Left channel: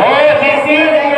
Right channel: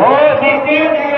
నమో